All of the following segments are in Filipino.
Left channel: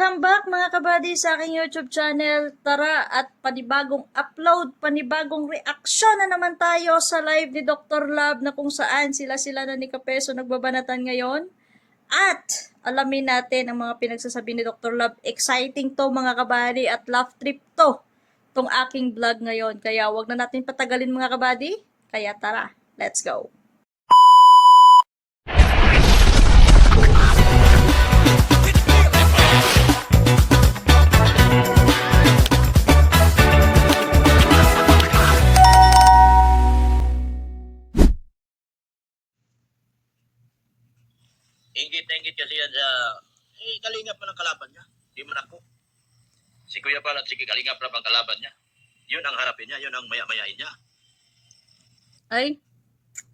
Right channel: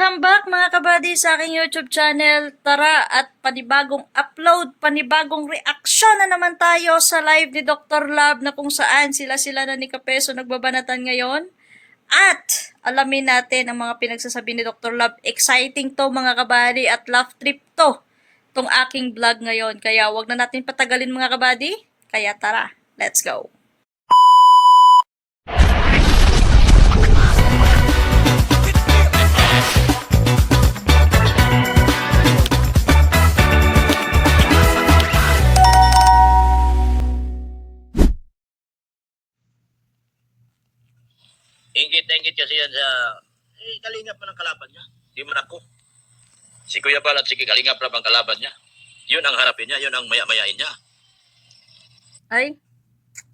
Welcome back mga kabady sa aking YouTube channel. Tara at panibagong upload, panibagong reaksyon na naman tayo sa live ni Dr. Love na kung saan sila na ni Kapeso nagbabanatan ngayon. At alamin natin ang mga pinagsasabi ni Dr. Love. Exciting to mga kabady at laugh trip to tong aking vlog ngayon. Kaya wag na natin patagalin mga kabady. Kaya tara, let's go. Ingit na ingit kasi yan sa... kalingap man ang kalaban niya. Di man ako. Si Kuya Bal at si Kalingap Rab ang kalaban niya. Yun ang harapin niya. Yun ang maya-mayain niya. Ay,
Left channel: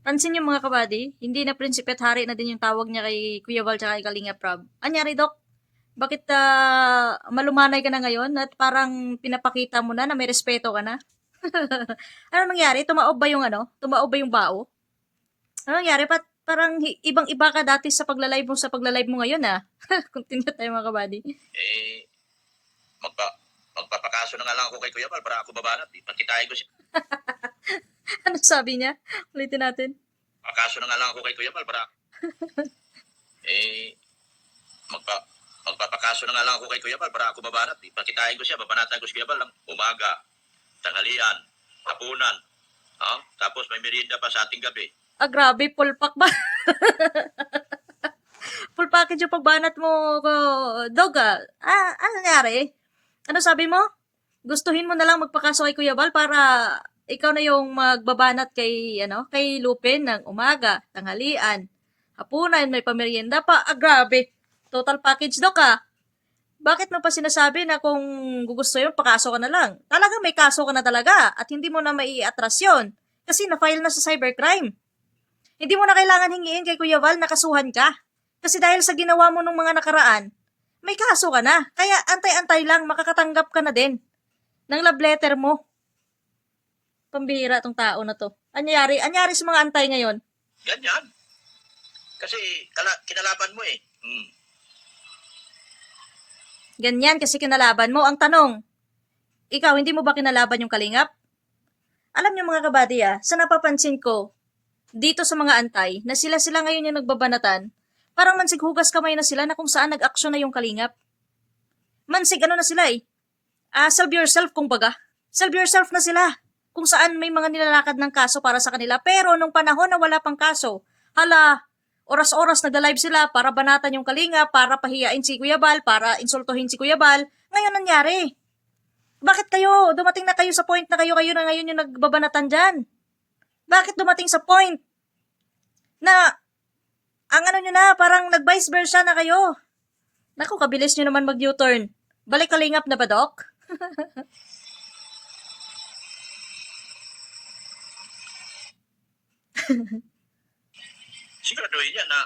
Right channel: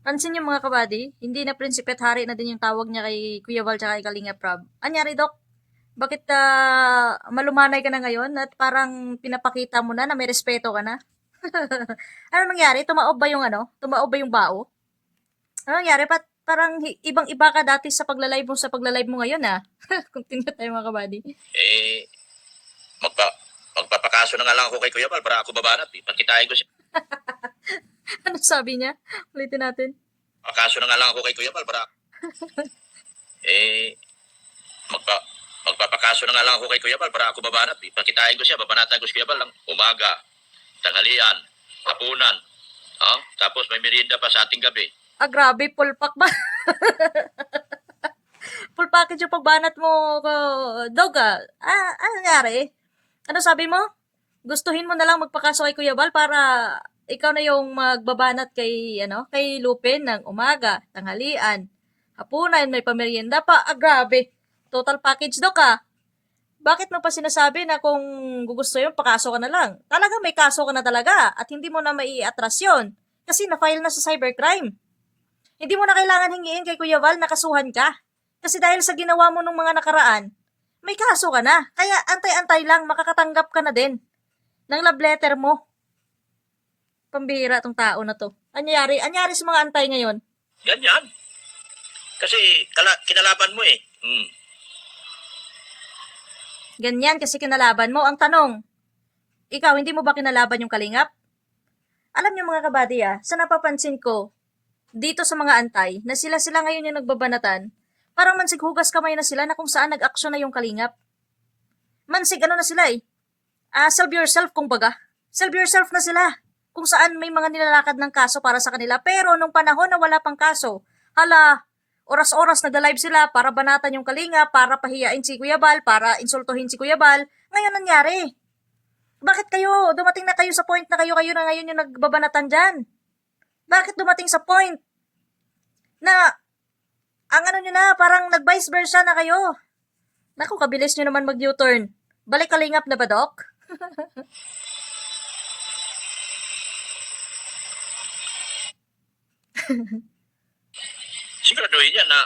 pansin niyo mga kabady, hindi na prinsipe at hari na din yung tawag niya kay Kuya Val tsaka kay Kalingap Rab. Anyari, Dok? Bakit malumanay ka na ngayon at parang pinapakita mo na may respeto ka na? Ano nangyari? Tumaob ba yung Tumaob ba yung bao? Ano nangyari? Parang ibang-iba ka dati sa pagla-live mo ngayon Continue tayo mga kabady. Magpapakaso na nga lang ako kay Kuya Bal para ako babanat. Pagkitain ko siya. Ano sabi niya? Ulitin natin. Pakaso na nga lang ako kay Kuya Bal para... magpapakaso na nga lang ako kay Kuya Bal para ako babanat. Pagkitain ko siya. Babanatan ko si Kuya Bal lang. Umaga, tanghalian, hapunan. Tapos may merienda pa sa ating gabi. Grabe, full pack ba? Full package yung pagbanat mo, Dog ano nangyari? Ano sabi mo? Gustuhin mo na lang magpakaso kay Kuya Bal para ikaw na yung magbabanat kay Lupin ng umaga, tanghalian, hapunan, may pamerienda pa. Grabe. Total package, Dok Bakit mo pa sinasabi na kung gugustuhin mo, pakaso ka na lang? Talaga may kaso ka na talaga at hindi mo na mai-atras yun. Kasi na-file na sa cybercrime. Hindi mo na kailangan hingiin kay Kuya Val na kasuhan ka. Kasi dahil sa ginawa mo nung mga nakaraan, may kaso ka na. Kaya antay-antay lang, makakatanggap ka na din ng love letter mo. Pambihira tong tao na to. Anyari sa mga antay ngayon? Yan. Kasi kinalaban mo eh. Ganyan kasi kinalaban mo. Ang tanong, ikaw, hindi mo ba kinalaban yung Kalingap? Alam niyo mga kabady sa napapansin ko, dito sa mga antay, na sila ngayon yung nagbabanatan, parang mansig hugas kamay na sila na kung saan nag-aksyon na yung Kalingap. Mansig na sila Solve yourself kumbaga. Solve yourself na sila. Kung saan may mga nilalakad ng kaso para sa kanila. Pero nung panahon na wala pang kaso, oras-oras nagla-live sila para banatan yung Kalingap, para pahiyain si Kuya Bal, para insultuhin si Kuya Bal. Ngayon nangyari. Bakit dumating na kayo sa point na kayo na ngayon yung nagbabanatan dyan? Bakit dumating sa point na ang nyo na, parang nag-vice versa na kayo? Naku, kabilis nyo naman mag-U-turn. Balik Kalingap na ba, Dok? Siguraduhin niya na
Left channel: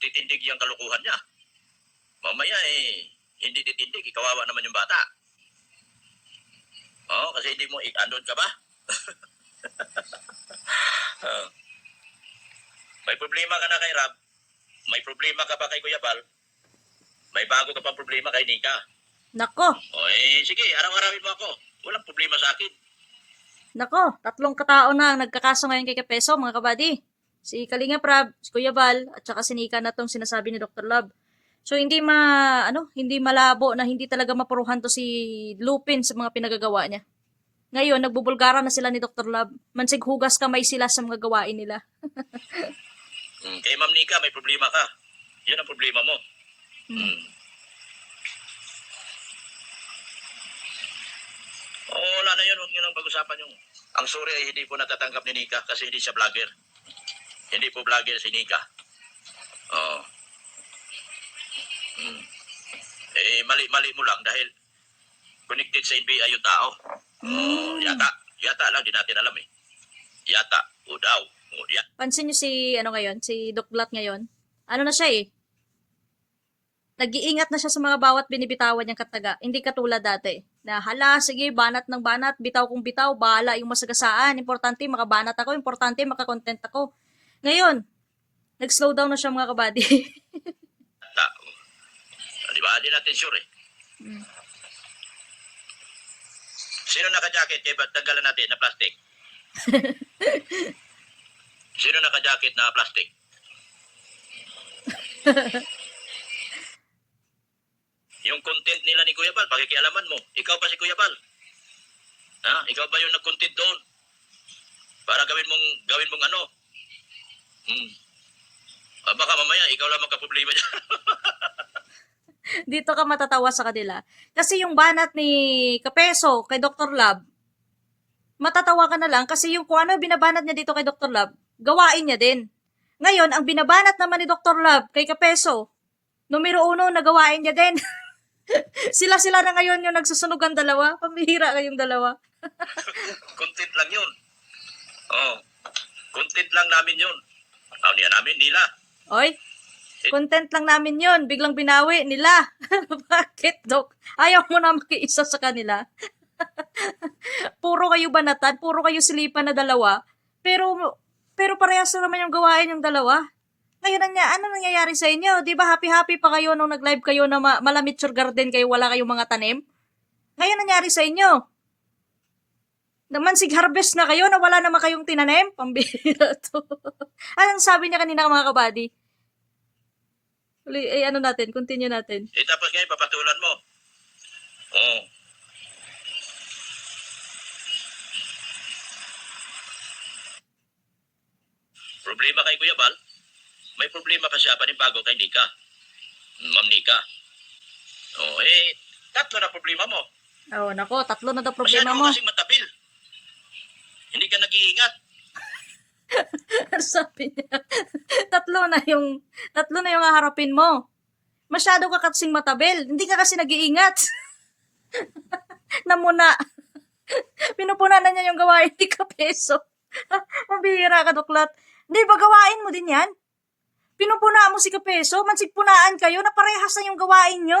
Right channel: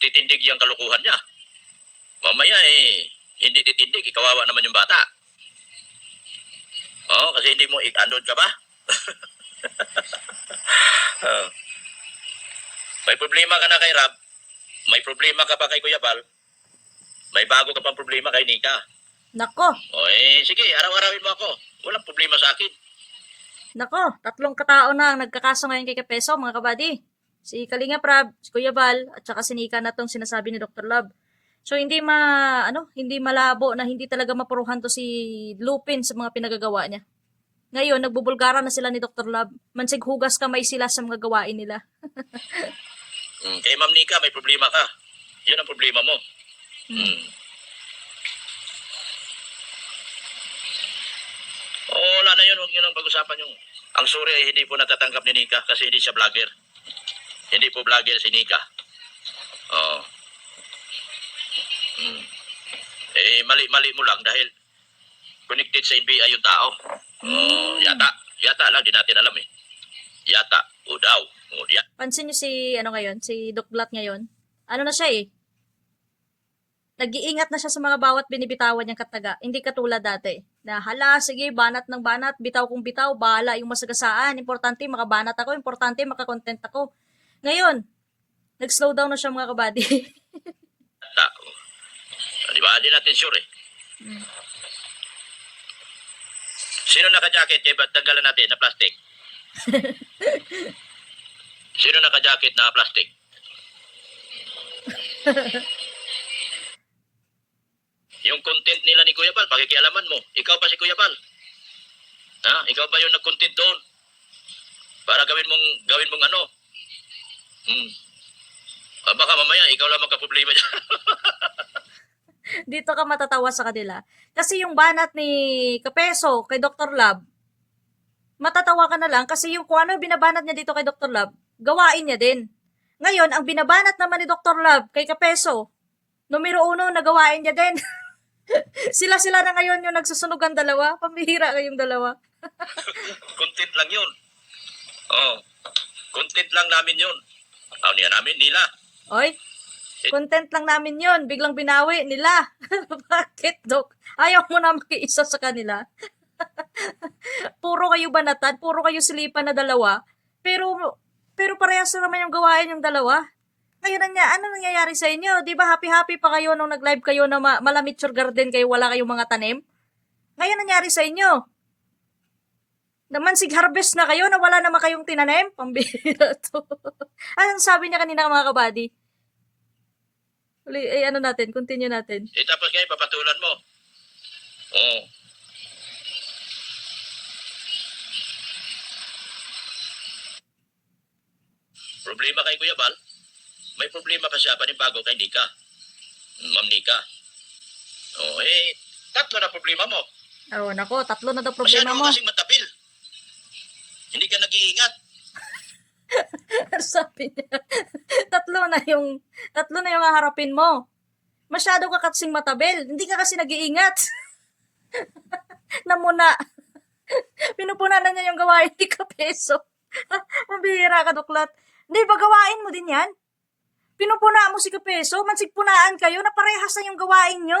titindig yung kalukuhan niya. Mamaya hindi titindig, kawawa naman yung bata. Kasi hindi mo andon ka ba? May problema ka na kay Rab. May problema ka pa kay Kuya Bal. May bago ka pang problema kay Nika. Nako. Sige, araw-arawin mo ako. Walang problema sa akin. Nako, 3 katao na ang nagkakaso ngayon kay Kapeso, mga kabady. Si Kalingap Rab, si Kuya Bal, at saka si Nika na tong sinasabi ni Dr. Love. So hindi malabo na hindi talaga mapuruhan to si Lupin sa mga pinagagawa niya. Ngayon, nagbubulgara na sila ni Dr. Love. Mansig hugas kamay sila sa mga gawain nila. Kay Ma'am Nika, may problema ka. Yun ang problema mo. Wala na yun. Huwag nyo nang pag-usapan yung... Ang sorry ay hindi po natatanggap ni Nika kasi hindi siya vlogger. Hindi po vlogger si Nika. Mali mo lang dahil connected sa NBI yung tao. Yata lang, di natin alam Yata, o daw. Pansin niyo si Doc Blat ngayon? Ano na siya Nag-iingat na siya sa mga bawat binibitawan niyang kataga. Hindi katulad dati. Na sige, banat ng banat, bitaw kung bitaw, bahala yung masagasaan. Importante, makabanat ako. Importante, makakontent ako. Ngayon, nag-slow down na siya mga kabady. Di ba? di natin sure eh. Mm. Sino naka-jacket? Eh, ba't tanggalan natin na plastic? Sino naka-jacket na plastic? Yung content nila ni Kuya Bal, pakikialaman mo. Ikaw pa si Kuya Bal. Ha? Ikaw ba yung nag-content doon? Para gawin mong ano? Baka mamaya, ikaw lang magka-problema dyan. Dito ka matatawa sa kanila. Kasi yung banat ni Kapeso kay Dr. Lab, matatawa ka na lang kasi yung kung ano binabanat niya dito kay Dr. Lab, gawain niya din. Ngayon, ang binabanat naman ni Dr. Lab kay Kapeso, numero 1, nagawain niya din. Sila na ngayon yung nagsusunugan dalawa. Pambihira kayong dalawa. Content lang yun. Oh, content lang namin yun. Namin nila. Oy, content lang namin yon, biglang binawi nila. Bakit, Dok? Ayaw mo na makiisa sa kanila. Puro kayo banatan, puro kayo silipan na dalawa. Pero parehas na naman yung gawain yung dalawa. Ngayon ano nangyayari sa inyo? Di ba happy-happy pa kayo nung nag-live kayo na malamitsure garden kayo, wala kayong mga tanim? Ngayon nangyari sa inyo? Naman harvest na kayo na wala naman kayong tinanim? Pambihira to. Anong sabi niya kanina mga kabady? Ano natin, continue natin. Tapos ngayon, papatulan mo. Oh. Problema kay Kuya Bal? May problema pa siya panibago kay Nika. Ma'am Nika. Tatlo na problema mo. Oh, nako, 3 na daw problema Masyado mo. kasing matabil. Hindi ka nag-iingat. Sabi niya, 3 na yung haharapin mo. Masyado ka kasing matabil. Hindi ka kasi nag-iingat. Namuna. Pinupunan na niya yung gawain ni Kapeso. Mabihira ka, Duklat. Hindi ba gawain mo din yan? Pinupuna mo si Kapeso, mansigpunaan kayo na parehas na yung gawain nyo.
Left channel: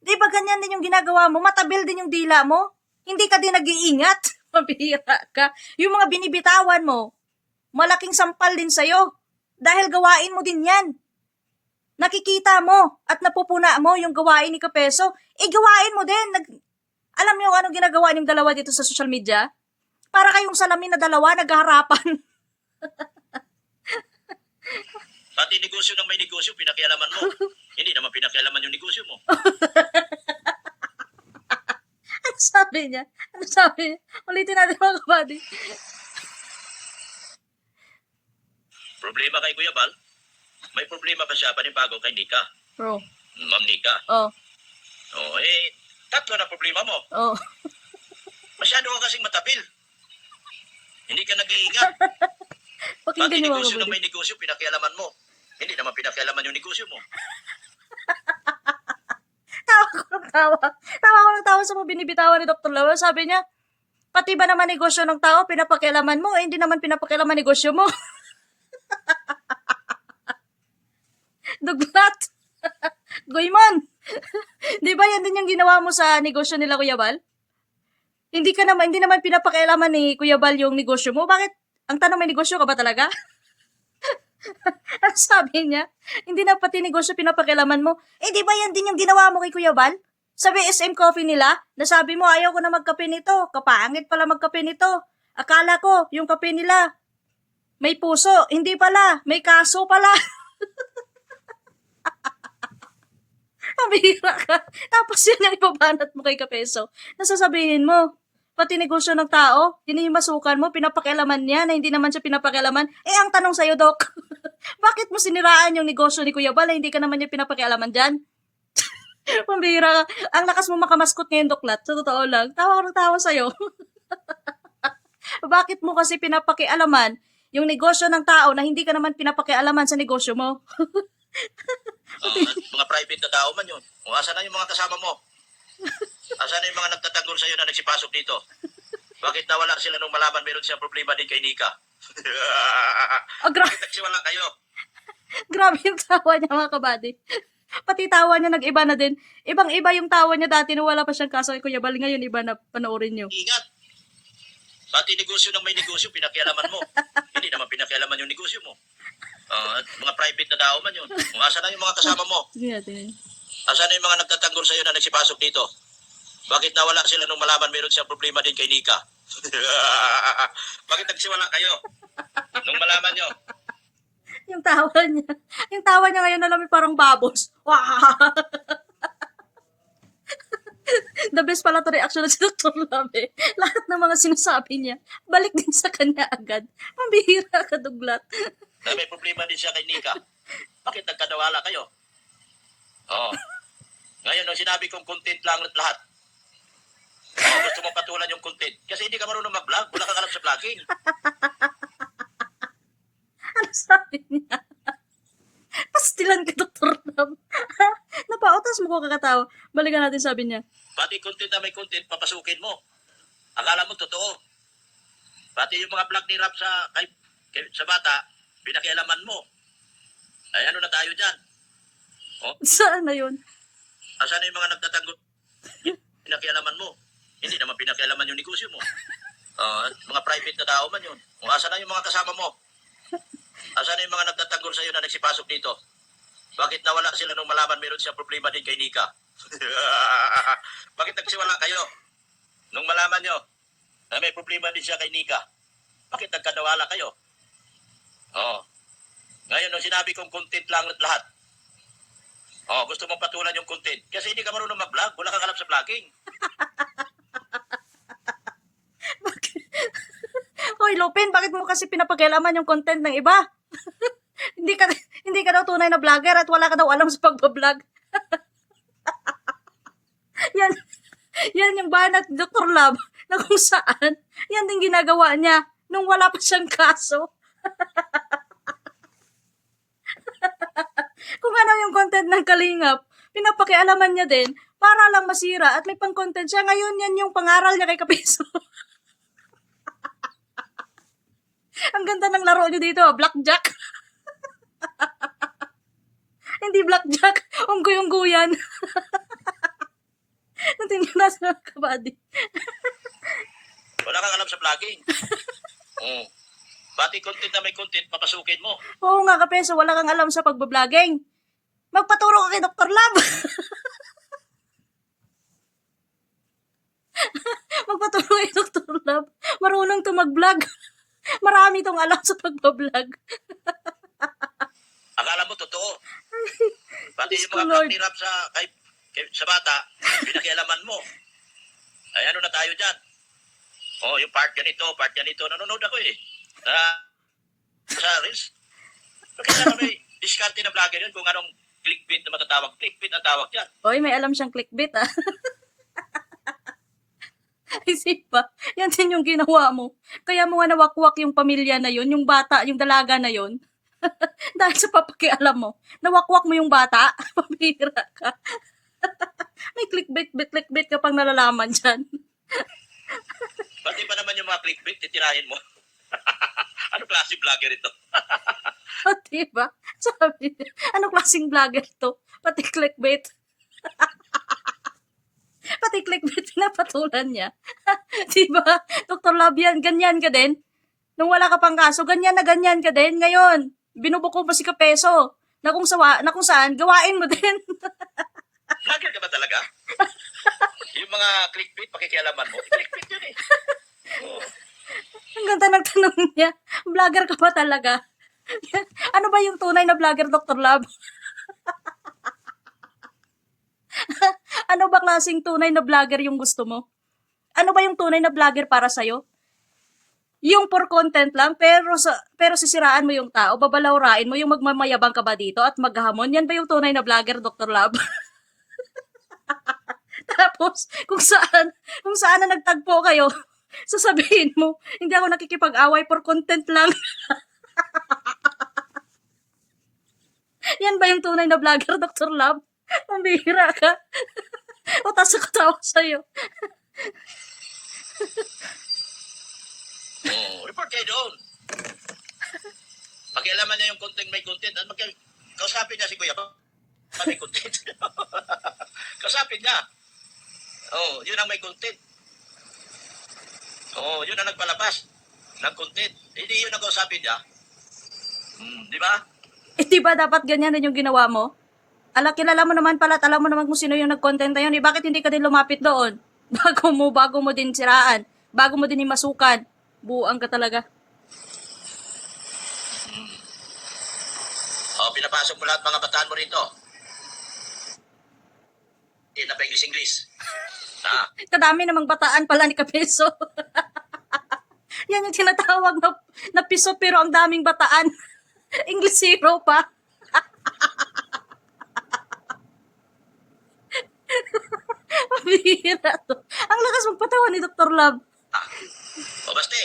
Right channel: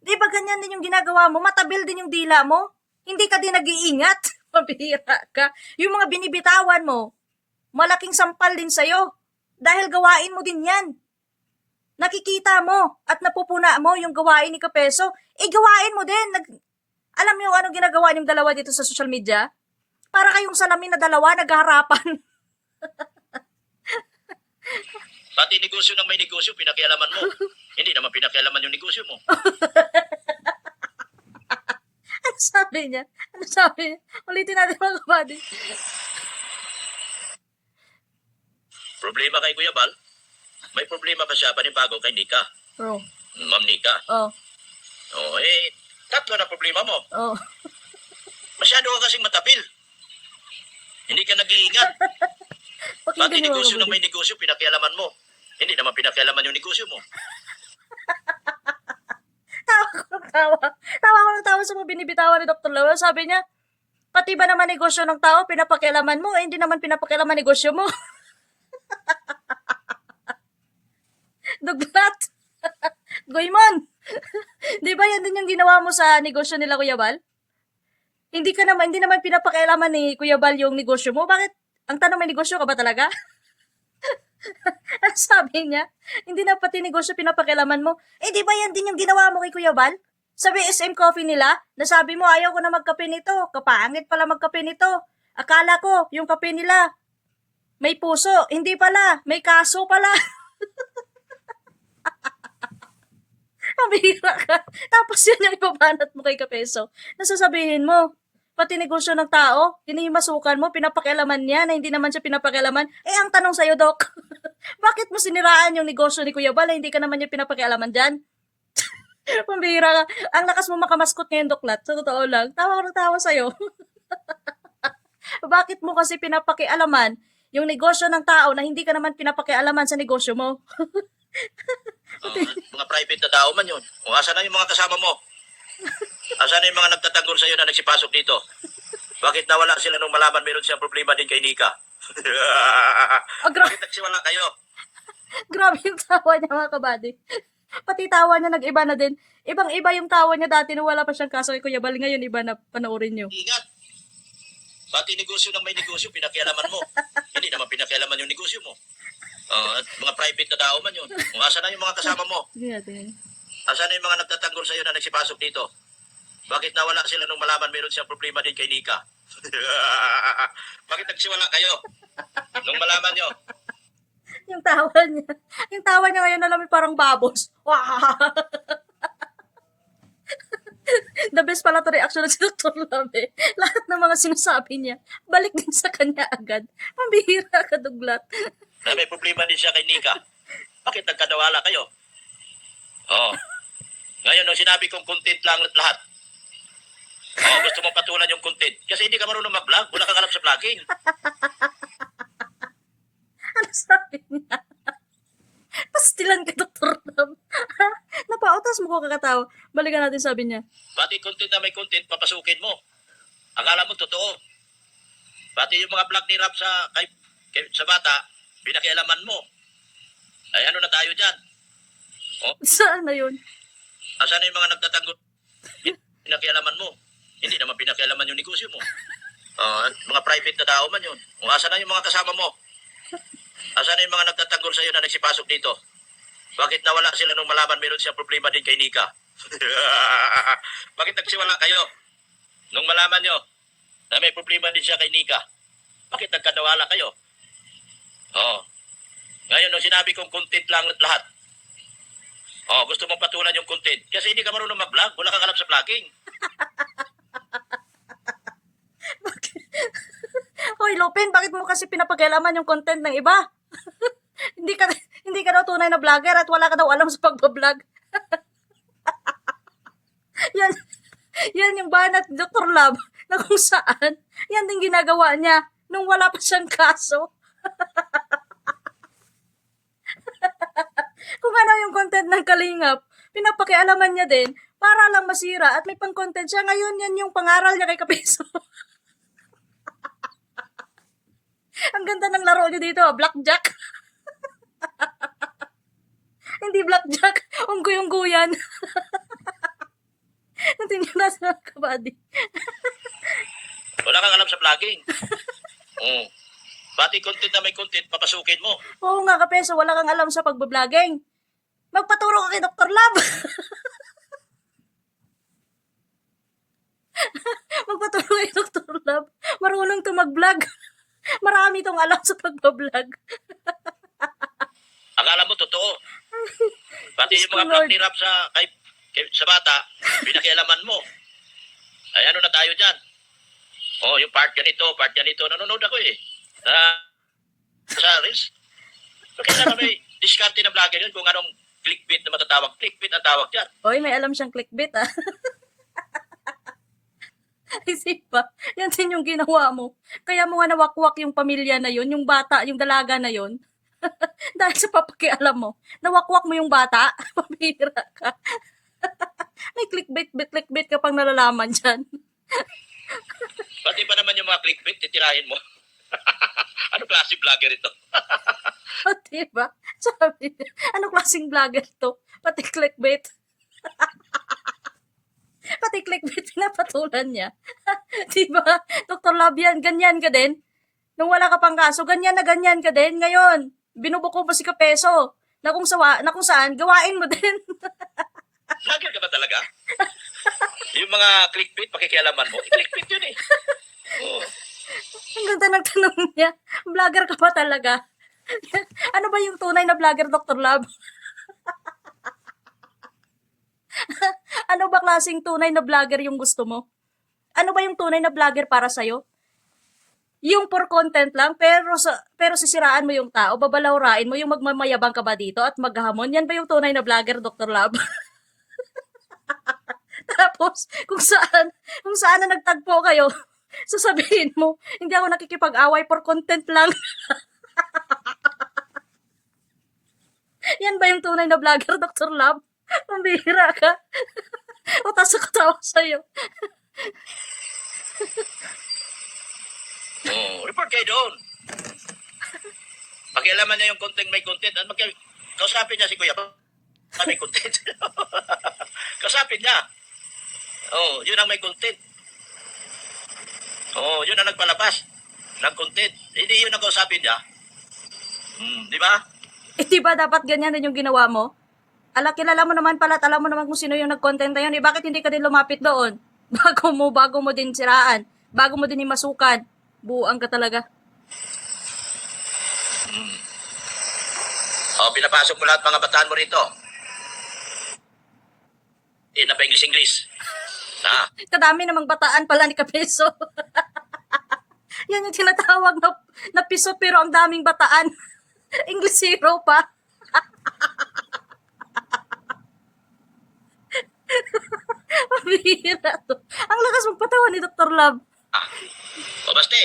Di ba ganyan din yung ginagawa mo? Matabil din yung dila mo. Hindi ka din nag-iingat. Mabihira ka. Yung mga binibitawan mo, malaking sampal din sa'yo. Dahil gawain mo din yan. Nakikita mo at napupuna mo yung gawain ni Kapeso. Gawain mo din. Alam niyo anong ginagawa niyong dalawa dito sa social media? Para kayong salamin na dalawa, naghaharapan. Pati negosyo ng may negosyo, pinakialaman mo. Hindi naman pinakialaman yung negosyo mo. Ano sabi niya? Ulitin natin mga kabady. Problema kay Kuya Bal? May problema pa siya panibago kay Nika. Bro. Ma'am Nika. Oh. Tatlo na problema mo. Oh. Masyado ka kasing matabil. Hindi ka nag-iingat. Pati Pakinggan niyo mga negosyo ng kabady. may negosyo, pinakialaman mo. Hindi naman pinakialaman yung negosyo mo. Tawa ko ng tawa sa mga binibitawan ni Dr. Lawa. Sabi niya, pati ba naman negosyo ng tao, pinapakialaman mo, hindi naman pinapakialaman negosyo mo. Duglat. Goymon. Di ba yan din yung ginawa mo sa negosyo nila, Kuya Bal? Hindi naman pinapakialaman ni Kuya Bal yung negosyo mo. Bakit? Ang tanong, may negosyo ka ba talaga? Ang sabi niya, hindi na pati negosyo pinapakialaman mo. Di ba yan din yung ginawa mo kay Kuya Bal? Sa SM Coffee nila, nasabi mo, ayaw ko na magkape nito. Kapangit pala magkape nito. Akala ko, yung kape nila, may puso. Hindi pala, may kaso pala. Mabihira ka. Tapos yun yung ibabanat mo kay Kapeso. Nasasabihin mo, pati negosyo ng tao, hinihimasukan mo, pinapakialaman niya na hindi naman siya pinapakialaman. Ang tanong sa'yo, Dok, bakit mo siniraan yung negosyo ni Kuya Bal na hindi ka naman niya pinapakialaman dyan? Pambihira ka. Ang lakas mo makamaskot ngayon, Doklat. Sa totoo lang. Tawa ko ng tawa sa'yo. Bakit mo kasi pinapakialaman yung negosyo ng tao na hindi ka naman pinapakialaman sa negosyo mo? Mga private na tao man yun. Asan na yung mga kasama mo? Asan na yung mga nagtatanggol sa'yo na nagsipasok dito? Bakit nawala sila nung malaman meron siyang problema din kay Nika? Bakit nagsiwala kayo? Grabe yung tawa niya, mga kabady. Pati tawa niya nag-iba na din. Ibang-iba yung tawa niya dati nung wala pa siyang kaso kay Kuya Bal. Ngayon, iba na, panoorin niyo. Ingat. Pati negosyo ng may negosyo, pinakialaman mo. Hindi naman pinakialaman yung negosyo mo. Mga private na tao man yun. Asan na yung mga kasama mo? Sige natin. Asan na yung mga nagtatanggol sa'yo na nagsipasok dito? Bakit nawala sila nung malaman meron siyang problema din kay Nika? Bakit nagsiwala kayo? Nung malaman nyo? Yung tawa niya. Yung tawa niya ngayon alam mo parang babos. Wah! The best pala to reaction si Dr. Love. Lahat ng mga sinasabi niya, balik din sa kanya agad. Mambihira ka, duglat. Na may problema din siya kay Nika. Bakit nagkadawala kayo? Oo. Ngayon, nung sinabi kong content lang at lahat, gusto mong patulan yung content. Kasi hindi ka marunong mag-vlog. Wala kang alam sa vlogging. Ano sabi niya? Pastilan ka, Dr. Love. Napautas mo ko kakatawa. Balikan natin sabi niya. Pati content na may content, papasukin mo. Akala mo totoo. Pati yung mga vlog ni Rap sa bata, pinakialaman mo. Ay, ano na tayo dyan? Saan na yun? Asan na yung mga nagtatanggol? Pinakialaman mo. Hindi naman pinakialaman yung negosyo mo. Mga private na tao man yun. Kung asan na yung mga kasama mo? Asan na yung mga nagtatanggol sa'yo na nagsipasok dito? Bakit nawala sila nung malaman meron siyang problema din kay Nika? Bakit nagsiwala kayo? Nung malaman nyo na may problema din siya kay Nika, bakit nagkadawala kayo? Ngayon, nung sinabi kong content lang at lahat, gusto mong patulan yung content. Kasi hindi ka marunong mag-vlog. Wala kang alam sa vlogging. Hoy, Lupin, bakit mo kasi pinapagalaman yung content ng iba? hindi ka hindi ka daw tunay na vlogger at wala ka daw alam sa pagbablog. yan, yan yung banat ni Dr. Love na kung saan, yan din ginagawa niya nung wala pa siyang kaso. Kung ano yung content ng Kalingap, pinapakialaman niya din para lang masira at may pang-content siya. Ngayon, yan yung pangaral niya kay Kapiso. Ang ganda ng laro niyo dito, Blackjack. Hindi Blackjack, unggoy-unggo yan. Natin yung nasa kabady. Wala kang alam sa vlogging. Pati content na may content, papasukin mo. Oo nga, Kapeso, wala kang alam sa pagbabloging. Magpaturo ka kay Dr. Love. Magpaturo kay Dr. Love. Marunong to mag-vlog. Marami tong alam sa pagbablog. Akala mo totoo. Pati Diyos yung ko, mga Lord. vlog ni Rap sa bata, pinakialaman mo. Ay, ano na tayo dyan? Yung part ganito. Nanonood ako eh. Sa Reels. Bakit na kami diskarte na vlogger yun kung anong clickbait na matatawag. Clickbait ang tawag dyan. Oy, may alam siyang clickbait, ah. Isip pa, yan din yung ginawa mo. Kaya mo nga nawakwak yung pamilya na yun, yung bata, yung dalaga na yun. Dahil sa papakialam mo, nawakwak mo yung bata, pamira ka. May clickbait ka pang nalalaman dyan. Pati ba naman yung mga clickbait, titirahin mo? Ano klase vlogger ito? O, diba? Sabi niya, ano klaseng vlogger to? Pati clickbait. Pati clickbait pinapatulan niya. Diba? Dr. Love yan, ganyan ka din. Nung wala ka pang kaso, ganyan na ganyan ka din. Ngayon, binubuko mo si Kapeso na kung saan, gawain mo din. Vlogger ka ba talaga? Yung mga clickbait, pakikialaman mo. Clickbait yun eh. Ang ganda ng tanong niya. Vlogger ka ba talaga? Ano ba yung tunay na vlogger, Dr. Love? Ano ba klaseng tunay na vlogger yung gusto mo? Ano ba yung tunay na vlogger para sa'yo? Yung for content lang, pero sisiraan mo yung tao, babalawrain mo, yung magmamayabang ka ba dito at maghamon? Yan ba yung tunay na vlogger, Dr. Love? Tapos, kung saan na nagtagpo kayo, sasabihin mo, hindi ako nakikipag-away for content lang. Yan ba yung tunay na vlogger, Dr. Love? Pambihira ka. Utas ako tawa sa'yo. Report kayo doon. Pakialaman niya yung content may content. At kausapin niya si Kuya. May content. Kausapin niya. Yun ang may content. Yun ang nagpalabas ng content. Hindi yun ang kausapin niya. Di ba? Di ba dapat ganyan din yung ginawa mo? Kilala mo naman pala at alam mo naman kung sino yung nag-content na yun. Bakit hindi ka din lumapit doon? Bago mo din siraan. Bago mo din masukan. Buang ka talaga. Pinapasok mo lahat mga bataan mo rito. Na pa English. Kadami namang bataan pala ni Kapeso. Yan yung tinatawag na piso pero ang daming bataan. English zero pa. Mabihira to. Ang lakas magpatawa ni Dr. Love. Basta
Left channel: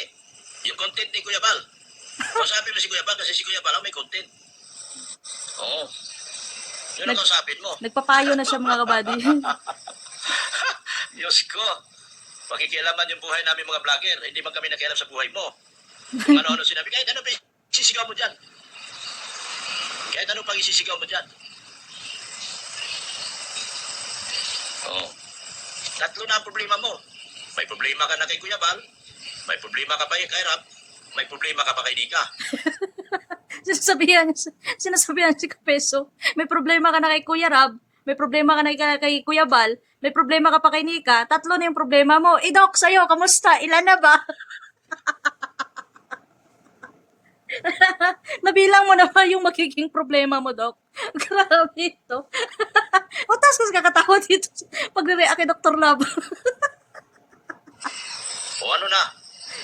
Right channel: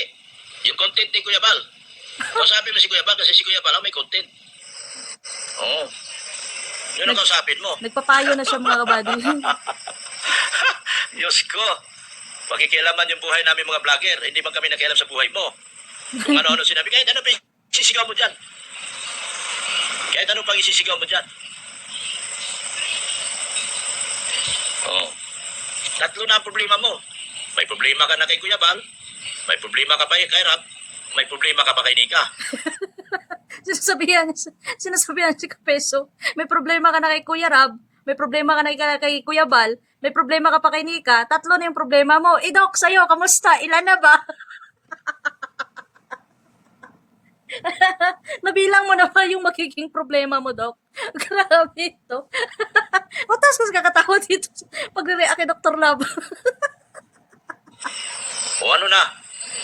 yung content ni Kuya Bal. Kausapin mo si Kuya Bal kasi si Kuya Bal may content. Oo. Yun ang kausapin mo. Nagpapayo na siya mga kabady. Diyos ko. Pakikialaman yung buhay namin mga vlogger. Hindi man kami nakialam sa buhay mo. Kung ano-ano sinabi. Kahit ano pa isisigaw mo dyan. Kahit ano pang isisigaw mo dyan. Oo. Tatlo na ang problema mo. May problema ka na kay Kuya Bal. May problema ka pa kay Rab. May problema ka pa kay Nika. Sinasabihan si Kapeso, may problema ka na kay Kuya Rab, may problema ka na kay Kuya Bal, may problema ka pa kay Nika, tatlo na yung problema mo. Doc, sa'yo, kamusta? Ilan na ba? Nabilang mo na ba yung magiging problema mo, Doc? Grabe ito. Utas kasi kakatawa dito pag-react kay Dr. Love. O ano na?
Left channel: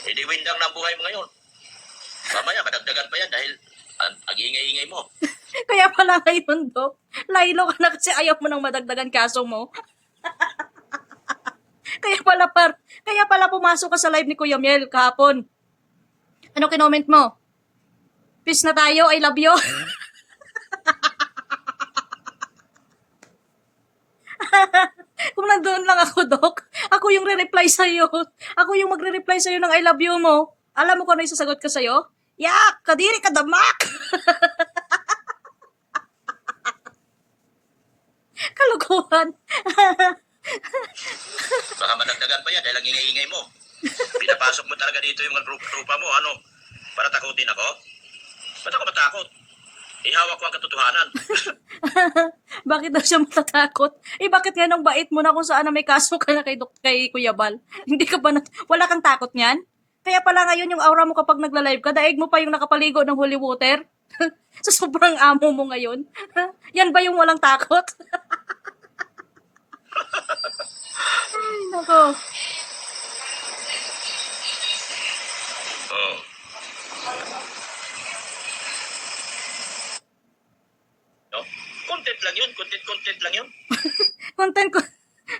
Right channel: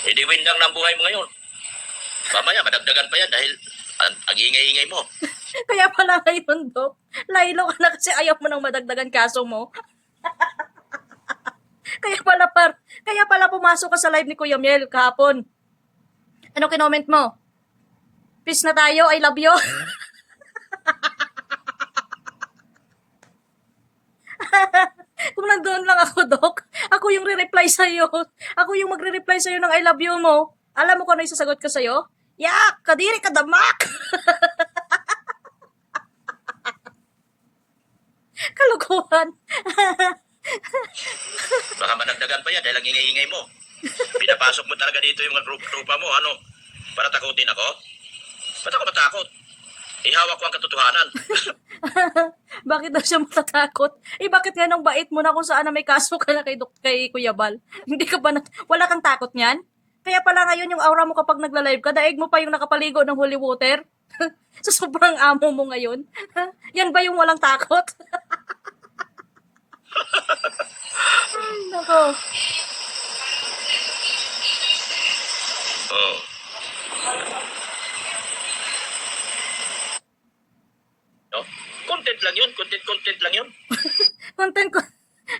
Windang ng buhay mo ngayon. Mamaya, madagdagan pa yan dahil ang ingay-ingay mo. Kaya pala ngayon, Doc, laylo ka na kasi ayaw mo nang madagdagan kaso mo. Kaya pala pumasok ka sa live ni Kuya Miel kahapon. Ano kinoment mo? Peace na tayo, I love you. Kung nandoon lang ako, Doc, ako yung re-reply sa'yo. Ako yung magre-reply sa'yo ng I love you mo. Alam mo kung ano yung sasagot ko sa'yo? Yak! Kadiri ka damak! Kalukuhan. Baka madagdagan pa yan dahil ang ingay-ingay mo. Pinapasok mo talaga dito yung grupa mo. Ano? Para takutin ako? Ba't ako matakot? Ihawak ko ang katotohanan. Bakit daw siya matatakot? Bakit nga nung bait mo na kung saan na may kaso ka na kay Kuya Bal? Hindi ka ba wala kang takot niyan? Kaya pala ngayon yung aura mo kapag nagla-live ka, daig mo pa yung nakapaligo ng holy water? Sa sobrang amo mo ngayon? Yan ba yung walang takot? Ay, nako. Oh. No? Content lang yun. Content lang yun.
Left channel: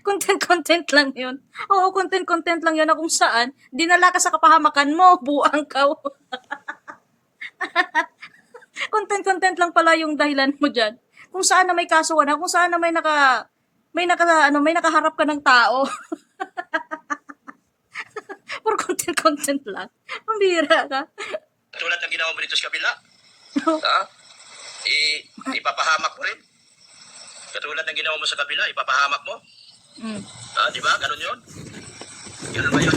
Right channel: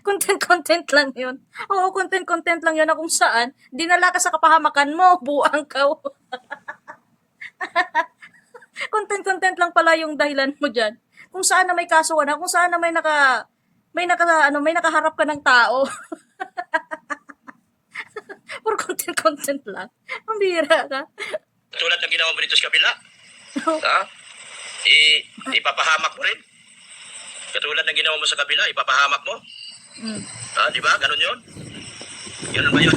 Content lang yun. Oo, content lang yun na kung saan dinala ka sa kapahamakan mo, buang ka. Content lang pala yung dahilan mo dyan. Kung saan na may kaso na, kung saan na may nakaharap ka ng tao. Puro content lang. Mambira ka. Tulad ng ginawa mo dito sa kabila. Ha? Ipapahamak mo rin. Katulad ng ginawa mo sa kabila, ipapahamak mo. Di ba? Ganun yun? Ganun ba yun?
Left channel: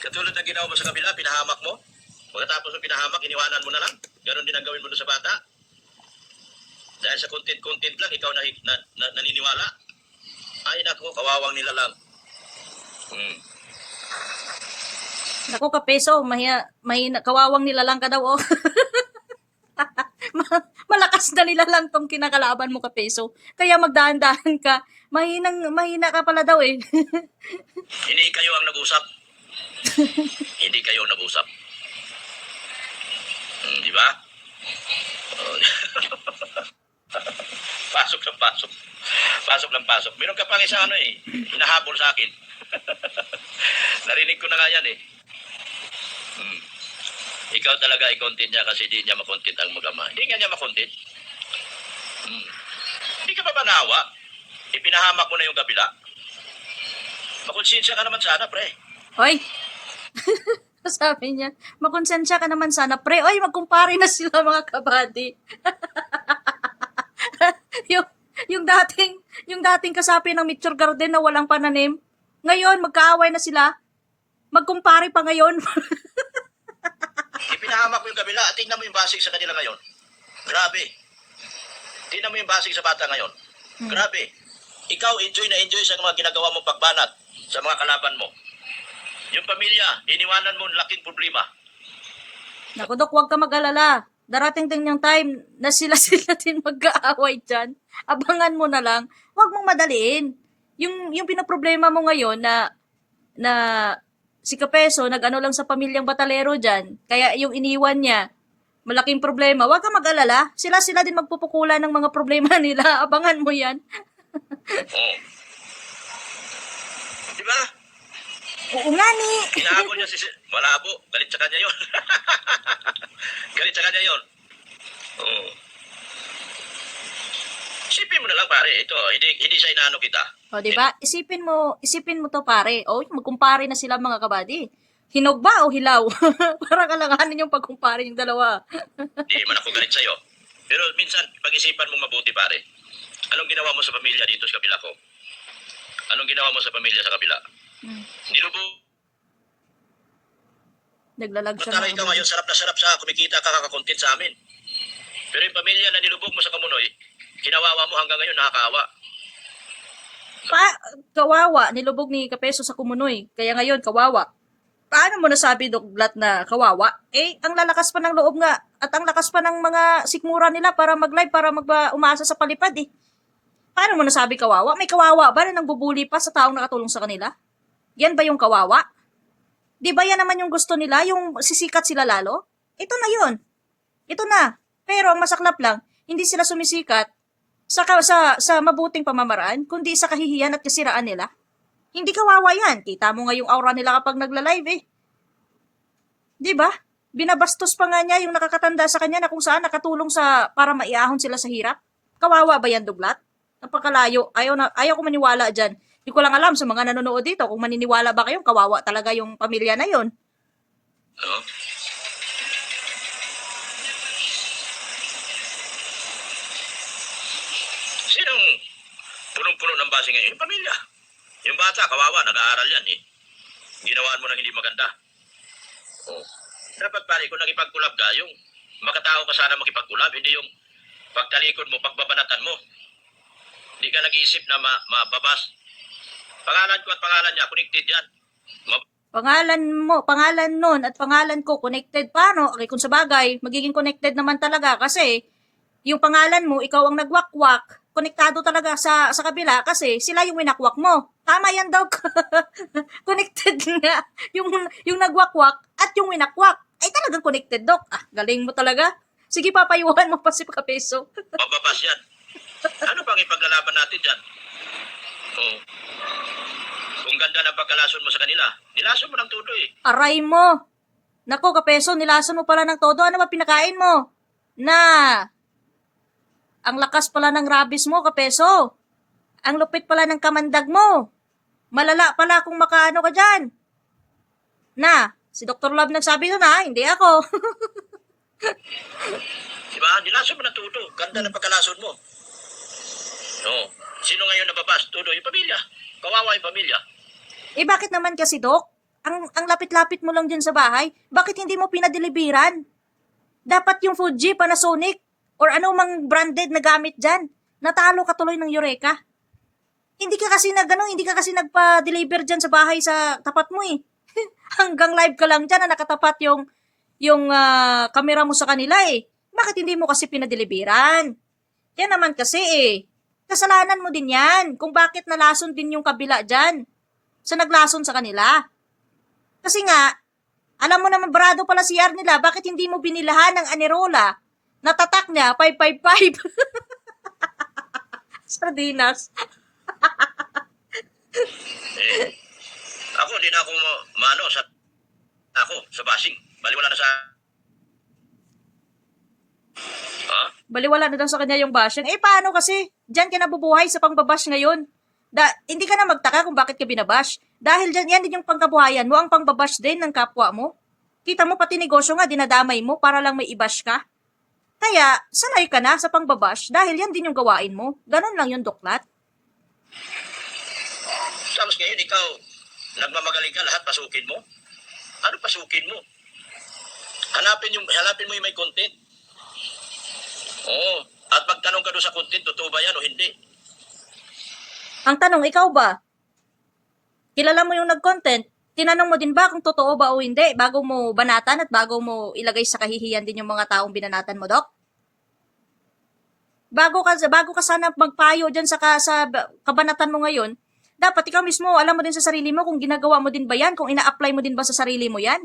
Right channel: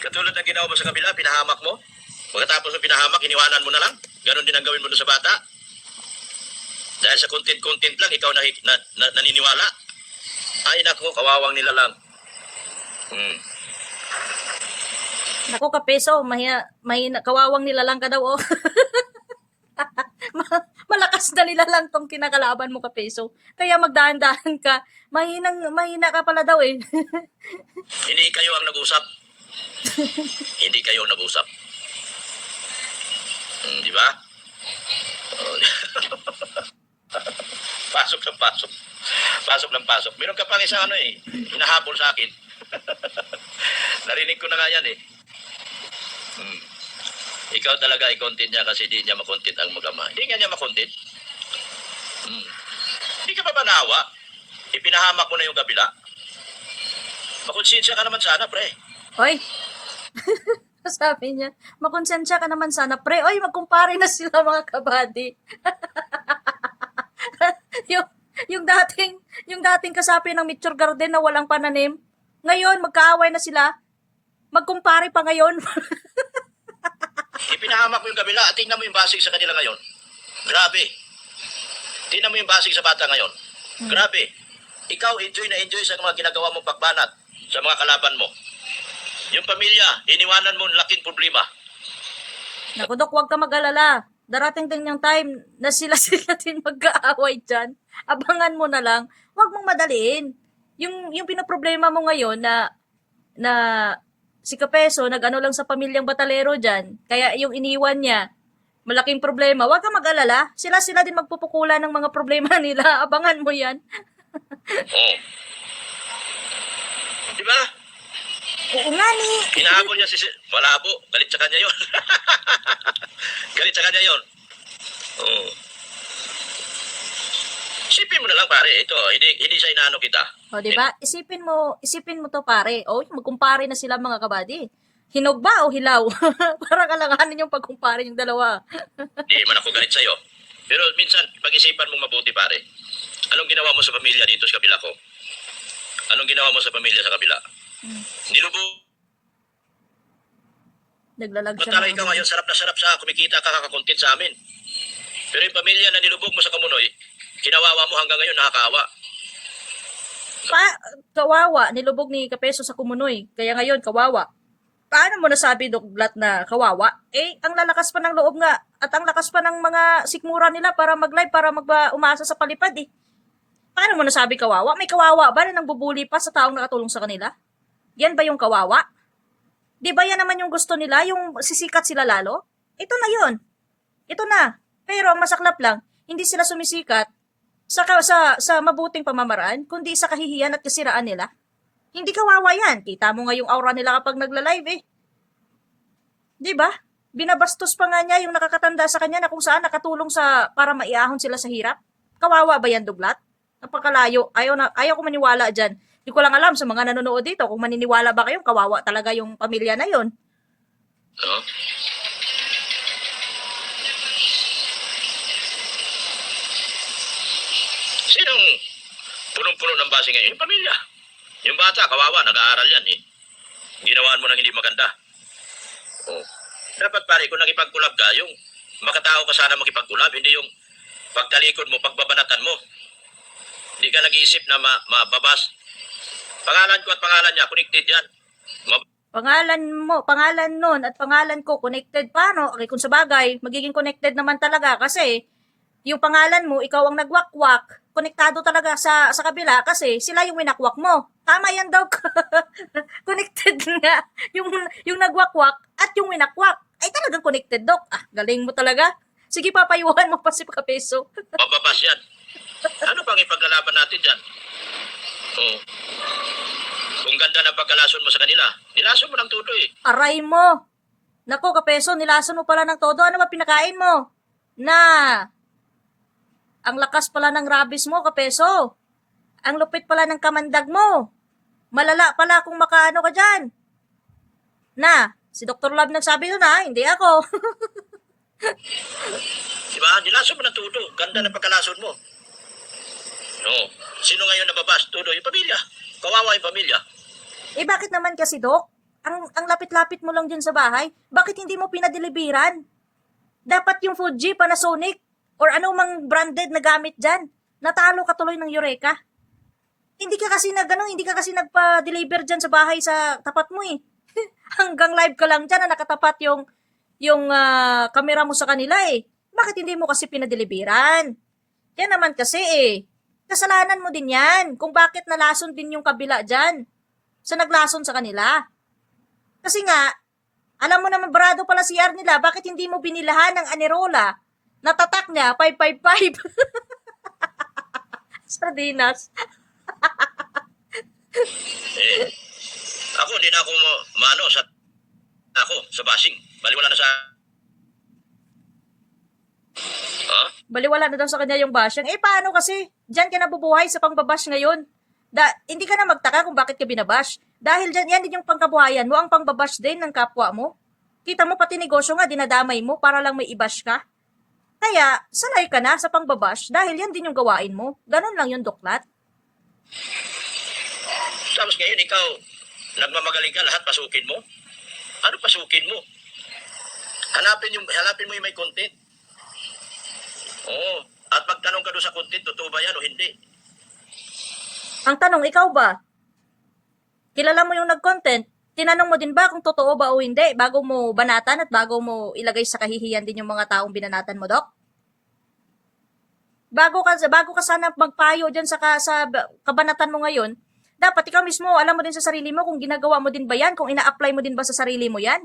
Katulad ng ginawa mo sa kabila, pinahamak mo. Pagkatapos ng pinahamak, iniwanan mo na lang. Ganun din ang gawin mo doon sa bata. Dahil sa content lang, ikaw naniniwala. Ay, naku, kawawang nila lang. Naku, Kapeso, kawawang nilalang ka daw, oh. Malakas na nilalang tong kinakalaban mo, Kapeso. Kaya magdahan-dahan ka. Mahina ka pala daw, eh. Hindi kayo ang nag-usap. Hindi kayo ang nag-usap. Di ba? Pasok ng pasok. Pasok ng pasok. Meron ka pang isa hinahabol sa akin. Narinig ko na nga yan, eh. Ikaw talaga i-content niya kasi di niya makontent ang mag-ama. Hindi nga niya makontent. Hindi ka pa ba naawa? Ipinahamak mo na yung kabila. Makonsensya ka naman sana, pre. Oy! Sabi niya, makonsensya ka naman sana, pre. Oy, magkumpare na sila, mga kabady. yung dating kasapi ng Mature Garden na walang pananim, ngayon, magkaaway na sila. Magkumpare pa ngayon. Ipinahamak mo yung kabila at tingnan mo yung basig sa kanila ngayon. Grabe. Tingnan mo yung basig sa bata ngayon. Grabe. Ikaw, enjoy na enjoy sa mga ginagawa mong pagbanat sa mga kalaban mo. Yung pamilya, iniwanan mo, laking problema. Naku, Dok, huwag ka mag-alala. Darating din yung time na sila-sila din mag-aaway dyan. Abangan mo na lang. Huwag mong madaliin. Yung pinoproblema mo ngayon na si Kapeso, nag-ano lang sa pamilyang Batalero dyan, kaya yung iniwan niya, malaking problema. Huwag ka mag-alala. Sila-sila din magpupukula ng mga problema nila. Abangan mo yan. Oo. Di ba? Oo nga ni. Hinahabol niya si... Malabo. Galit sa kanya yun. Galit sa kanya yun. Oo. Isipin mo na lang, pare. Ito, hindi siya inaano kita. O, di ba? Isipin mo to, pare. O, magkumpare na sila mga kabady. Hinog ba o hilaw? Para kalanganin yung pagkumpare yung dalawa. Hindi man ako galit sa'yo. Pero minsan, pag-isipan mo mabuti, pare. Anong ginawa mo sa pamilya dito sa kabila ko? Anong ginawa mo sa pamilya sa kabila? Nilubog. Naglalag siya. Mataray ka ngayon, sarap na sarap sa kumikita ka kakakontent sa amin. Pero yung pamilya na nilubog mo sa Kamunoy, kinawawa mo hanggang ngayon, nakakaawa. Kawawa, nilubog ni Kapeso sa Kumunoy. Kaya ngayon, kawawa. Paano mo nasabi, Doklat, na kawawa? Eh, ang lalakas pa ng loob nga at ang lakas pa ng mga sikmura nila para mag-live, para umasa sa palipad eh. Paano mo nasabi kawawa? May kawawa ba na nang bubuli pa sa taong nakatulong sa kanila? Yan ba yung kawawa? Di ba yan naman yung gusto nila, yung sisikat sila lalo? Ito na yun. Ito na. Pero ang masaklap lang, hindi sila sumisikat sa mabuting pamamaraan, kundi sa kahihiyan at kasiraan nila. Hindi kawawa yan. Kita mo nga yung aura nila kapag nagla-live eh. Di ba? Binabastos pa nga niya yung nakakatanda sa kanya na kung saan nakatulong para maiahon sila sa hirap. Kawawa ba yan, Duglat? Napakalayo. Ayaw ko maniwala dyan. Hindi ko lang alam sa mga nanonood dito kung maniniwala ba kayo, kawawa talaga yung pamilya na yon. No? Sinong punong-puno ng base ngayon? Yung pamilya. Yung bata, kawawa, nag-aaral yan eh. Ginawaan mo ng hindi maganda. Oh. Dapat pare, kung nakipag-collab ka, yung makatao ka sana makipag-collab, hindi yung pagtalikod mo, pagbabanatan mo. Hindi ka nag-iisip na mababas. Pangalan ko at pangalan niya, connected yan. Pangalan nun at pangalan ko, connected paano? Okay, kung sa bagay, magiging connected naman talaga kasi yung pangalan mo, ikaw ang nagwakwak, konektado talaga sa kabila kasi sila yung winakwak mo. Tama yan, Dok. Connected nga. Yung nagwakwak at yung winakwak ay talagang connected, Dok. Ah, galing mo talaga. Sige, papayuhan mo pa si Kapeso. Mababas yan. Ano pang ipaglalaban natin dyan? Oh. Kung ganda ng pagkalason mo sa kanila, nilason mo ng todo eh. Aray mo. Nako, Kapeso, nilason mo pala ng todo. Ano ba pinakain mo? Ang lakas pala ng rabis mo, Kapeso. Ang lupit pala ng kamandag mo. Malala pala kung makaano ka dyan. Si Dr. Love nagsabi doon hindi ako. Diba? Nilason mo ng todo. Ganda ng pagkalason mo. No. Sino ngayon nababas? Todo yung pamilya. Kawawa yung pamilya. Eh bakit naman kasi, Dok? Ang lapit-lapit mo lang dyan sa bahay, bakit hindi mo pinadeliveran? Dapat yung Fuji, Panasonic, or anumang branded na gamit dyan. Natalo ka tuloy ng Eureka. Hindi ka kasi nagpa-deliver dyan sa bahay sa tapat mo eh. Hanggang live ka lang dyan na nakatapat yung kamera mo sa kanila eh. Bakit hindi mo kasi pinadeliveran? Yan naman kasi eh. Kasalanan mo din yan kung bakit nalason din yung kabila dyan sa naglason sa kanila. Kasi nga, alam mo naman barado pala si CR nila, bakit hindi mo binilahan ng Anerola na tatak niya 555? Sardinas. Ako, hindi na ako sa bashing. Baliwala na sa... Ha? Baliwala na daw sa kanya yung bashing. Eh, paano kasi? Diyan ka nabubuhay sa pangbabash ngayon. Hindi ka na magtaka kung bakit ka binabash. Dahil dyan, yan din yung pangkabuhayan mo, ang pangbabash din ng kapwa mo. Kita mo, pati negosyo nga, dinadamay mo para lang may ibash ka. Kaya, sanay ka na sa pangbabash dahil yan din yung gawain mo. Ganon lang yung Doklat. Tapos ngayon, ikaw, nagmamagaling ka, lahat pasukin mo? Ano pasukin mo? Hanapin mo yung may content. Oo. At magtanong ka doon sa content, totoo ba yan o hindi? Ang tanong, ikaw ba? Kilala mo yung nag-content? Tinanong mo din ba kung totoo ba o hindi bago mo banatan at bago mo ilagay sa kahihiyan din yung mga taong binanatan mo, Dok? Bago ka sana magpayo diyan sa kabanatan mo ngayon, dapat ikaw mismo alam mo din sa sarili mo kung ginagawa mo din ba yan, kung ina-apply mo din ba sa sarili mo yan.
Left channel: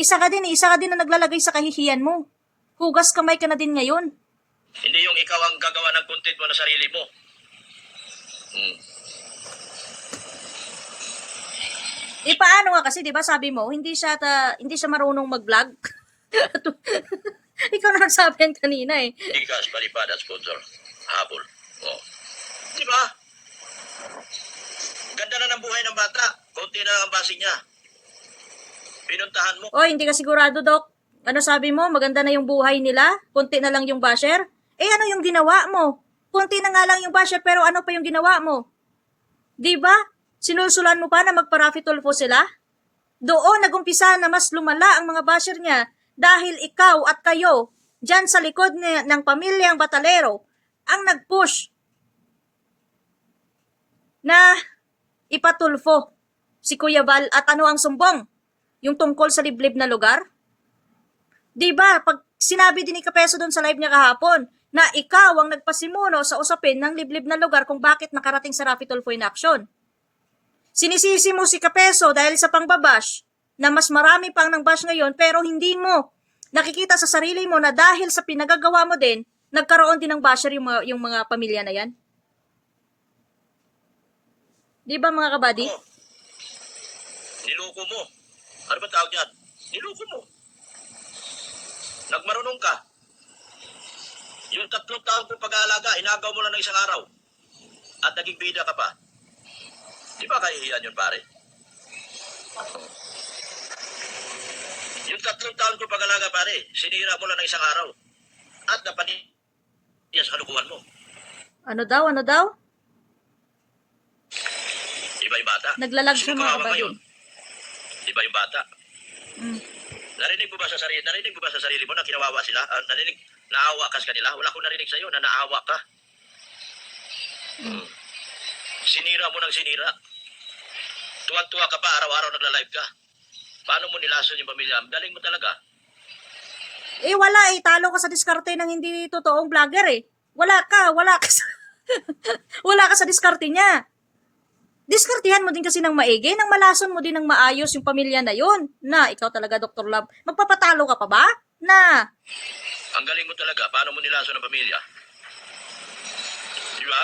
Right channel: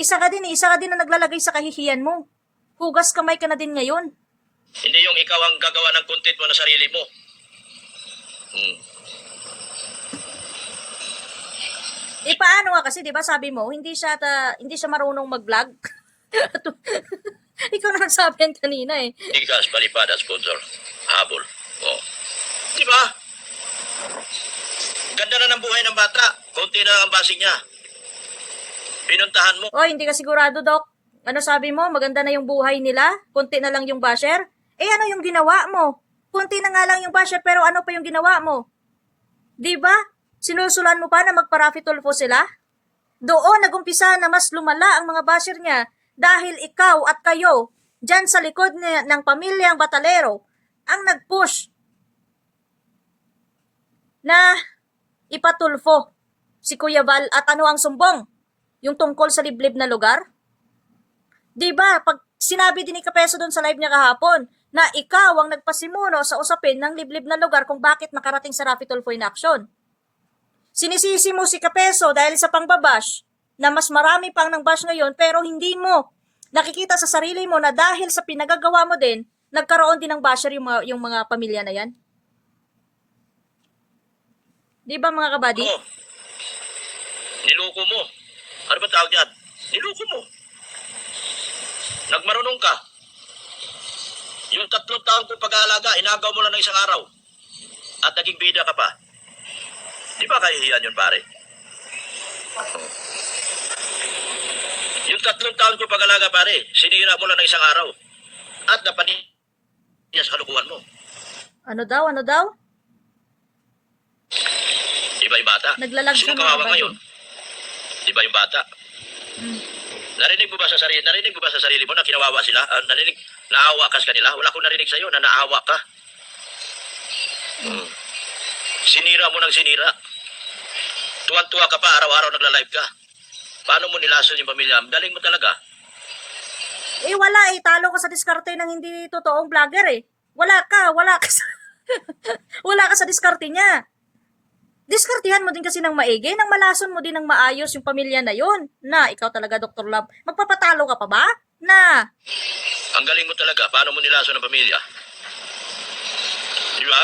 Isa ka din na naglalagay sa kahihiyan mo. Hugas kamay ka na din ngayon. Hindi yung ikaw ang gagawa ng content mo na sarili mo. Paano nga kasi, 'di ba, sabi mo, hindi siya marunong mag-vlog. Ikaw na nagsabi yan kanina eh. Ikas, palipad at sponsor. Habol. Oh. Di ba? Ganda na ng buhay ng bata. Konti na lang ang basing niya. Pinuntahan mo. O, hindi ka sigurado, Dok. Ano sabi mo? Maganda na yung buhay nila? Kunti na lang yung basher? Ano yung ginawa mo? Kunti na nga lang yung basher, pero ano pa yung ginawa mo? Di ba? Sinusulan mo pa na magparafitulfo sila? Doon nagumpisa na mas lumala ang mga basher niya dahil ikaw at kayo, dyan sa likod ng pamilyang Batalero, ang nag-push na ipatulfo si Kuya Val at ano ang sumbong? Yung tungkol sa liblib na lugar? Diba, pag sinabi din ni Kapeso doon sa live niya kahapon, na ikaw ang nagpasimuno sa usapin ng liblib na lugar kung bakit nakarating sa Rafi Tulfo in action. Sinisisi mo si Kapeso dahil sa pangbabash, na mas marami pang nang bash ngayon, pero hindi mo nakikita sa sarili mo na dahil sa pinagagawa mo din, nagkaroon din ng basher yung mga pamilya na yan. Di ba mga kabady? Oh. Niloko mo. Ano ba tawag yan? Niloko mo. Nagmarunong ka. Yung 3 taon kong pag-aalaga, inagaw mo lang ng isang araw. At naging bida ka pa. Di ba kahihiyan yun, pare? Yung 3 taon kong pag-aalaga, pare, sinira mo lang ng isang araw. At napaniya sa kalukuhan mo. Ano daw? Di ba yung bata? Naglalag siya Sino mga kawawa kabady. ngayon? Di ba yung bata? Narinig mo ba sa sarili mo na kinawawa sila? Naawa ka sa kanila? Wala akong narinig sa'yo na naawa ka. Sinira mo ng sinira. Tuwan-tuwa ka pa, araw-araw nagla-live ka. Paano mo nilason yung pamilya? Galing mo talaga. Wala talo ka sa diskarte ng hindi totoong vlogger eh. Wala ka sa wala ka sa diskarte niya. Diskartihan mo din kasi ng maigi, nang malason mo din ng maayos yung pamilya na yun. Na, ikaw talaga, Dr. Love, magpapatalo ka pa ba? Na. Ang galing mo talaga. Paano mo nilason ng pamilya? Di ba?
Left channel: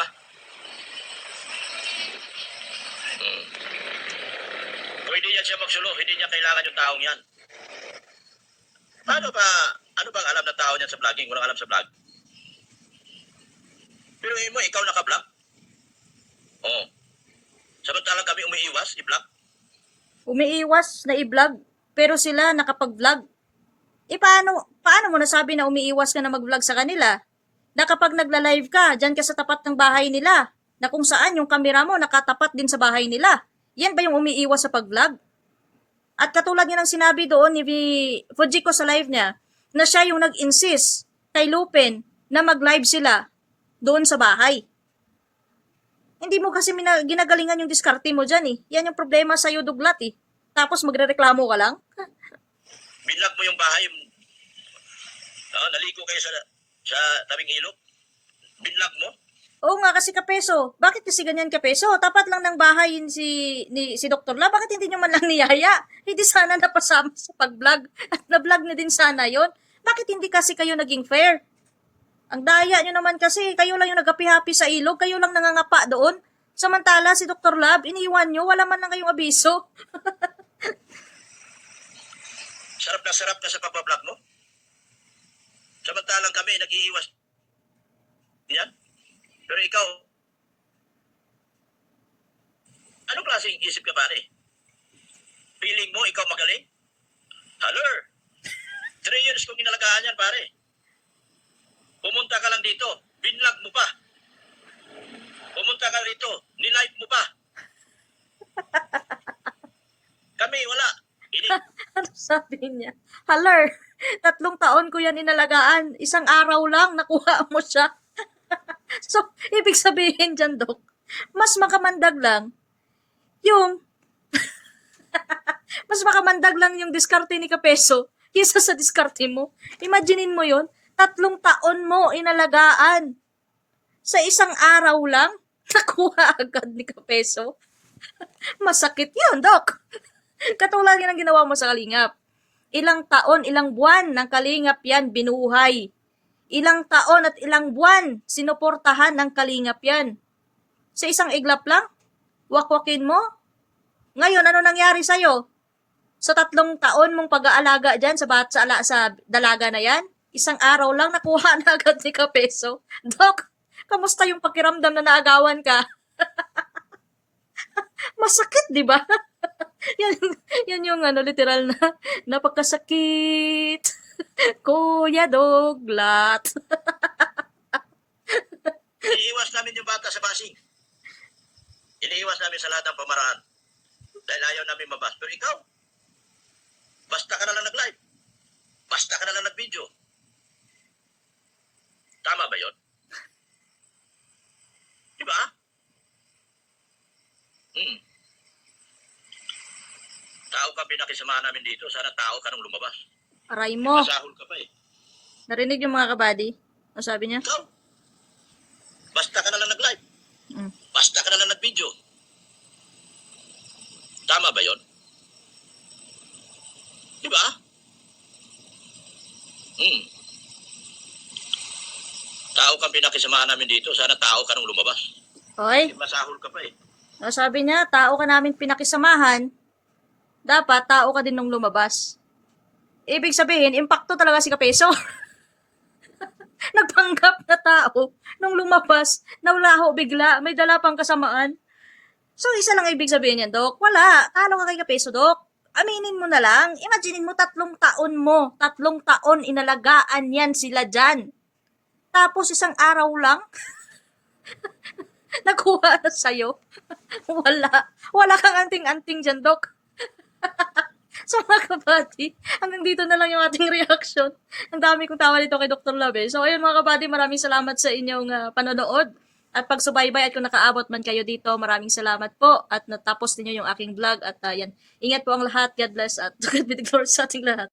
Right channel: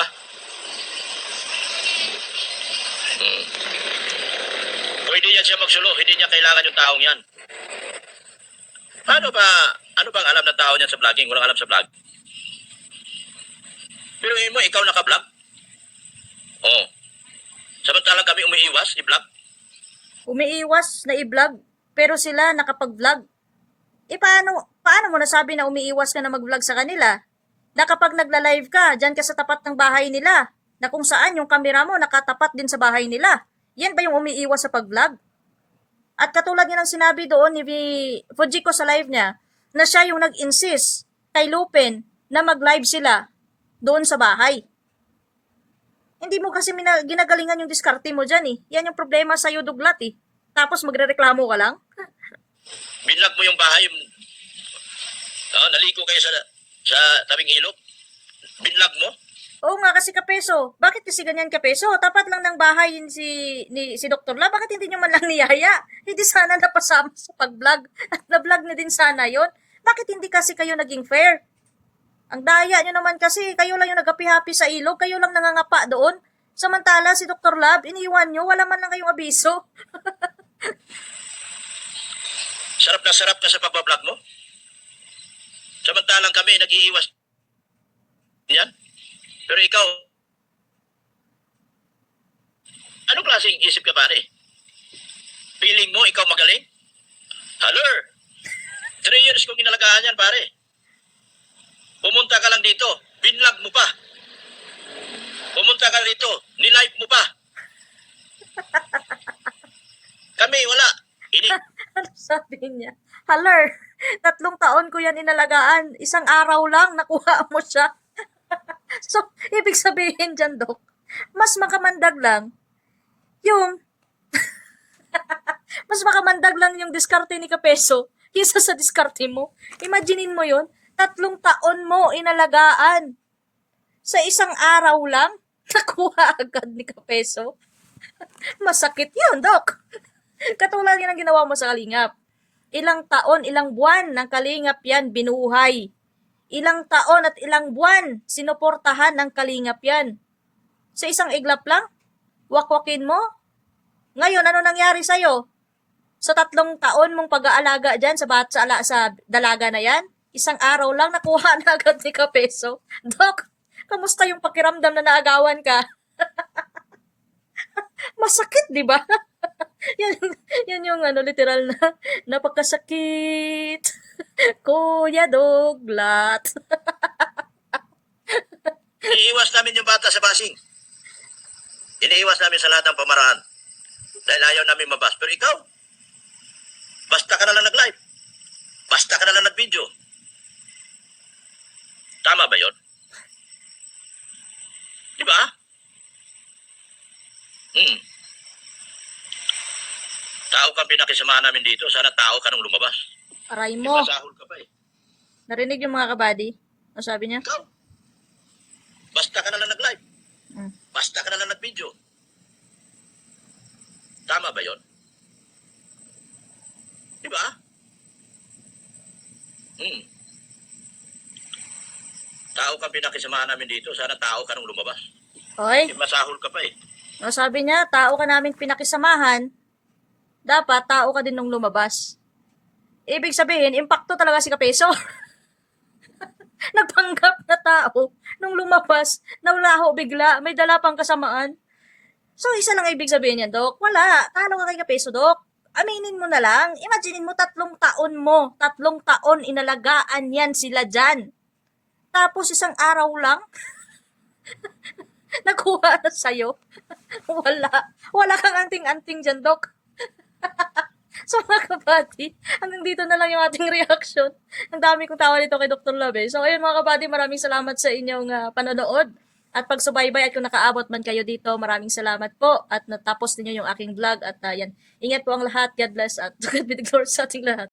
Pwede yan siya magsulo. Hindi niya kailangan yung taong yan. Ano bang alam ng tao niyan sa vlogging? Walang alam sa vlog. Pero mo, ikaw naka-vlog? Oo. Samantalang kami umiiwas, i-vlog. Umiiwas na i-vlog, pero sila nakapag-vlog. Paano mo nasabi na umiiwas ka na mag-vlog sa kanila? Na kapag nagla-live ka, dyan ka sa tapat ng bahay nila, na kung saan yung kamera mo nakatapat din sa bahay nila. Yan ba yung umiiwas sa pag-vlog? At katulad niya ng sinabi doon ni Fujiko sa live niya, na siya yung nag-insist kay Lupin na mag-live sila doon sa bahay. Hindi mo kasi ginagalingan yung diskarte mo dyan eh. Yan yung problema sa'yo, Duglat eh. Tapos magre-reklamo ka lang? Binlag mo yung bahay. Naligo kayo sa tabing ilog. Binlag mo. Oo nga kasi Kapeso. Bakit kasi ganyan Kapeso? Tapat lang ng bahay si Dr. La. Bakit hindi nyo man lang niyaya? Hindi sana napasama sa pag-vlog. At na-vlog na din sana yon. Bakit hindi kasi kayo naging fair? Ang daya nyo naman kasi, kayo lang yung nag-happy-happy sa ilog, kayo lang nangangapa doon. Samantala, si Dr. Lab, iniwan nyo, wala man lang kayong abiso. Sarap na sarap ka sa pagbablog mo. Samantalang kami, nag-iiwas. Yan. Pero ikaw, anong klaseng isip ka, pare? Feeling mo, ikaw magaling? Haller! 3 years kong inalagaan yan, pare. Pumunta ka lang dito, binlog mo pa. Pumunta ka dito, nilive mo pa. Kami, wala. Ano sabi niya? Haller, 3 taon ko yan inalagaan. Isang araw lang, nakuha mo siya. So, ibig sabihin dyan, Dok, mas makamandag lang yung, mas makamandag lang yung diskarte ni Kapeso kaysa sa diskarte mo. Imaginein mo yon, 3 taon mo inalagaan. Sa isang araw lang, nakuha agad ni Kapeso. Masakit yun, Dok. Katulad yan ang ginawa mo sa Kalingap. Ilang taon, ilang buwan ng Kalingap yan binuhay. Ilang taon at ilang buwan sinuportahan ng Kalingap yan. Sa isang iglap lang, wakwakin mo. Ngayon, ano nangyari sa'yo? Sa 3 taon mong pag-aalaga dyan sa dalaga na yan, isang araw lang nakuha na agad ni Kapeso. Dok, kamusta yung pakiramdam na naagawan ka? Masakit, di ba? yan yung literal na napakasakit. Kuya Doglat. Iniiwas namin yung bata sa basing. Iniiwas namin sa lahat ng pamaraan. Dahil ayaw namin mabas. Pero ikaw, basta ka na lang nag-live. Basta ka na lang nag-video. Tama ba yun? Di ba? Tao kang pinakisamahan namin dito. Sana tao ka nung lumabas. Aray mo. Masahol ka pa eh. Narinig yung mga kabady? Ano sabi niya? Ikaw, basta ka na lang nag-live. Mm. Basta ka na lang nag-video. Tama ba yun? Di ba? Tao kang pinakisamahan namin dito. Sana tao ka nung lumabas. Oy, Masahol ka pa eh. ano sabi niya? Tao ka namin pinakisamahan. Dapat tao ka din nung lumabas. Ibig sabihin, impacto talaga si Kapeso. Nagpanggap na tao nung lumabas, nawlaho bigla, may dala pang kasamaan. So, isa lang ibig sabihin yan, Dok. Wala. Talo ka kay Kapeso, Dok. Aminin mo na lang. Imaginein mo 3 taon mo. 3 taon inalagaan yan sila dyan. Tapos isang araw lang, nakuha na sa'yo. Wala. Wala kang anting-anting dyan, Dok. So mga kabady, hanggang dito na lang yung ating reaction. Ang dami kong tawa dito kay Dr. Love. So ayun mga kabady, maraming salamat sa inyong panonood at pagsubaybay at kung nakaabot man kayo dito, maraming salamat po at natapos ninyo yung aking vlog at yan. Ingat po ang lahat, God bless at God be the glory sa ating lahat.